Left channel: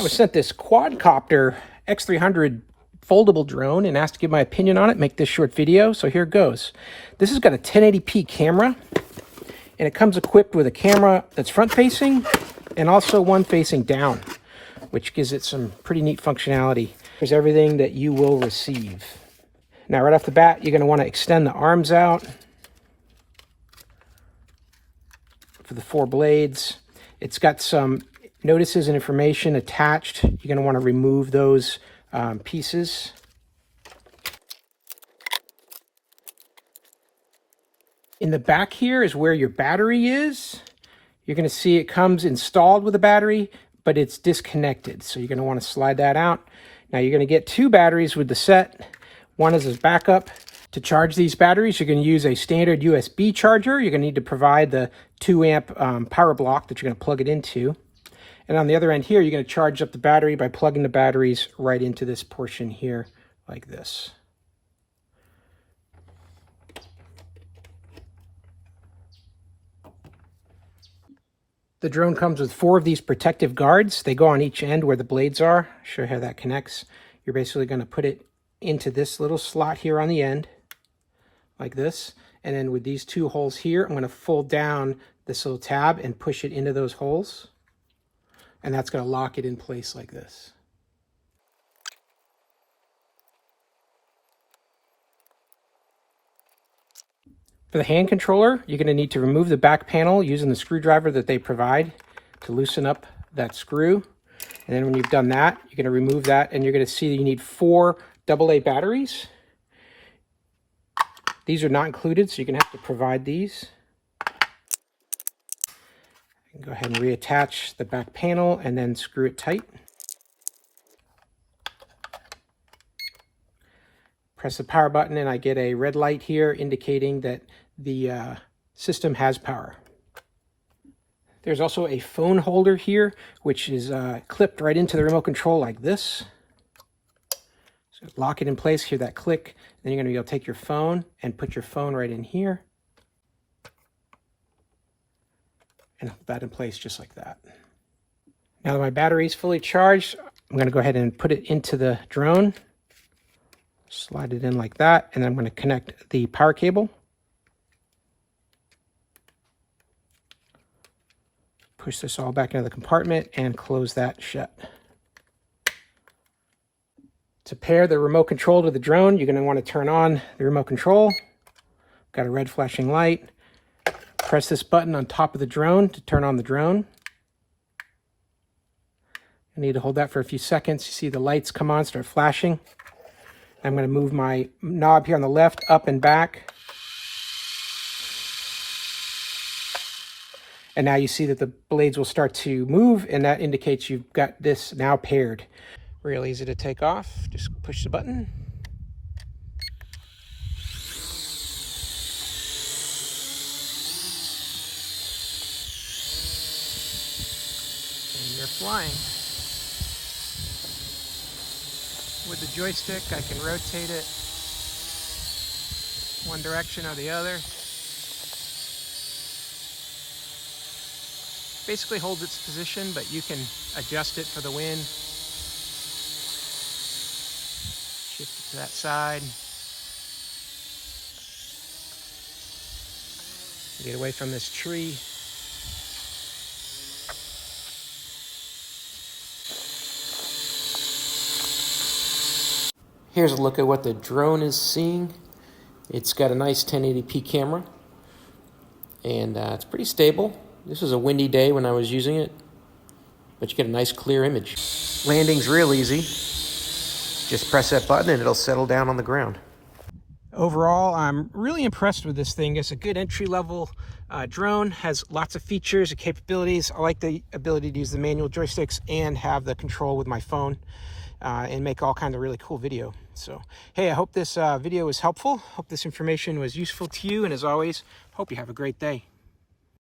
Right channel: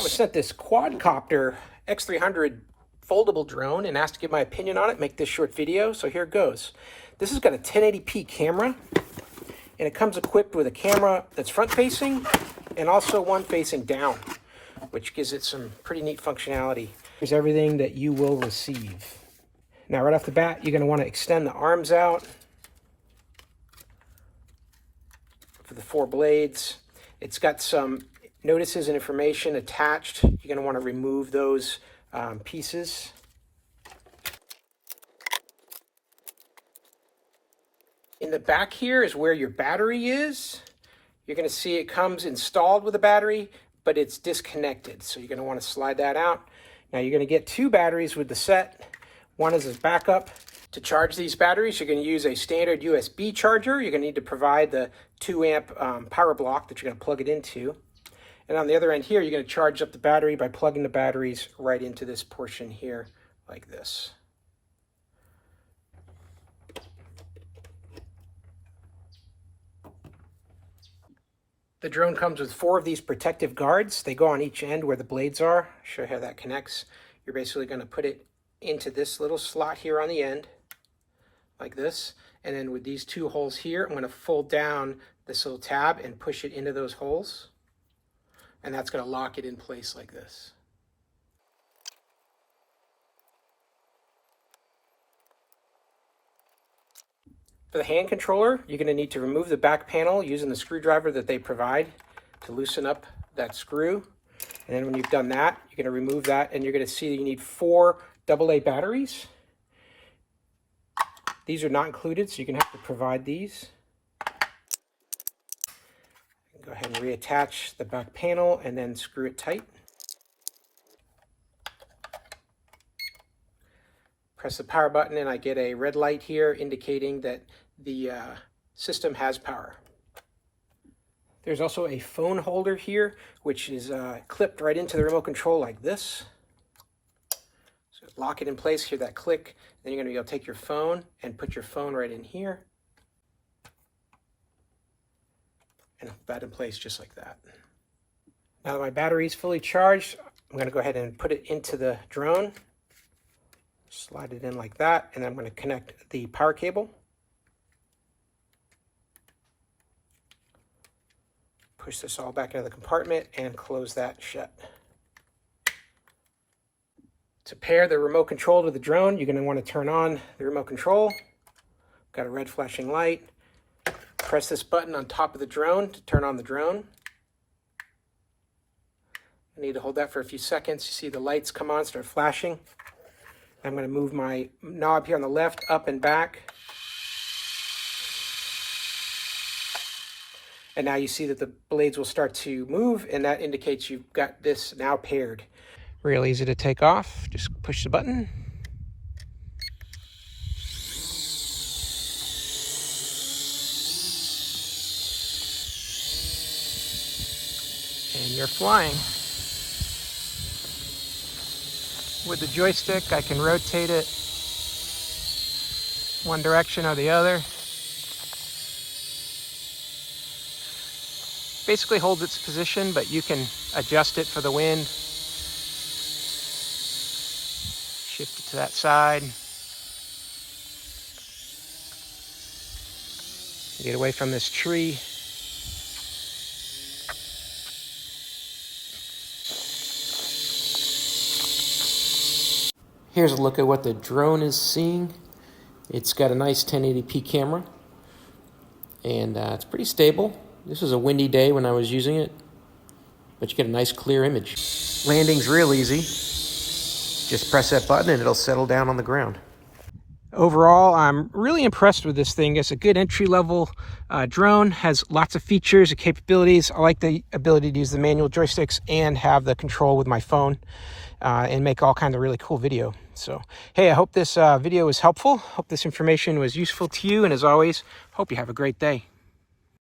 I was sent this Quadcopter X300 foldable drone and asked to give my opinion on it, make this short video, so here it goes. This has got a 1080p camera, and it comes equipped with a camera that's front-facing and also one facing down, which gives it some pretty neat functionality. There's everything that you will receive. Now, right off the bat, you're going to want to extend the arms out for the 4 blades. It's got some notices and information attached. You're going to want to remove those pieces. In the back here is where your battery is. You're going to see it comes installed with a battery, but it's disconnected. So you're going to want to slide that out. Now you're going to get 2 batteries with the set. One is as backup. To charge these batteries, you're going to use a standard USB charger. You're going to need to provide the 2 amp power block that you're going to plug it into. And on the other end here, you're going to charge up the battery by plugging the batteries right into this portion here, like this. The drone comes with 4 of these protective guards. They go on each end where the blades are. I'll show you how that connects. You're basically going to put it into this little slot here on the end, like this. And then with these 2 holes here, I'm going to fold down this little tab and push it into those holes. And that's going to lock it in place like this. For the hand controller, you're going to need to remove the back panel using the screwdriver that they provide to loosen up that screw. And then when you've done that, you're going to remove that, and you're going to see that you need 4 AA batteries. These are not included, so you're going to have to provide these. Go ahead and reattach the back panel and then screw it tight. Press the power button and I get a red light here indicating that the system has power. There's also a phone holder here, which is clipped right into the remote control like this. So lock it in place, hear that click. Then you're going to be able to take your phone and put your phone right in here. And hold that in place just like that. Now that my battery is fully charged, I'm going to go ahead and put it into the drone. Slide it in like that, and I'm going to connect the power cable. Push this all back into the compartment and close that shut. To pair the remote control to the drone, you're going to want to turn on the remote control. Got a red flashing light. Press this button on top of the drone to turn on the drone. I need to hold that for a few seconds. You see the lights come on, start flashing. I'm going to move my knob here on the left up and back. And now you see that the blades will start to move, and that indicates you've got this now paired. Real easy to take off. Just push the button. And you're flying. With the joystick, I can rotate it one direction or the other. Basically holds its position, but you can adjust it for the wind. Shift it to that side. Get away from this tree. Here's a look at what the drone is seeing. It's got a nice 1080p camera, and it's pretty stable. This was a windy day when I was using it, but you get a nice clear image. Landing's real easy. Just press that button and it'll settle down on the ground. Overall, I'm really impressed with this thing. It's a good entry-level drone, has lots of features and capabilities. I like the ability to use the manual joysticks and have the control with my phone. And make all kinds of really cool video. So, hey, I hope this video was helpful. Hope this information was useful to you. And as always, hope you have a great day.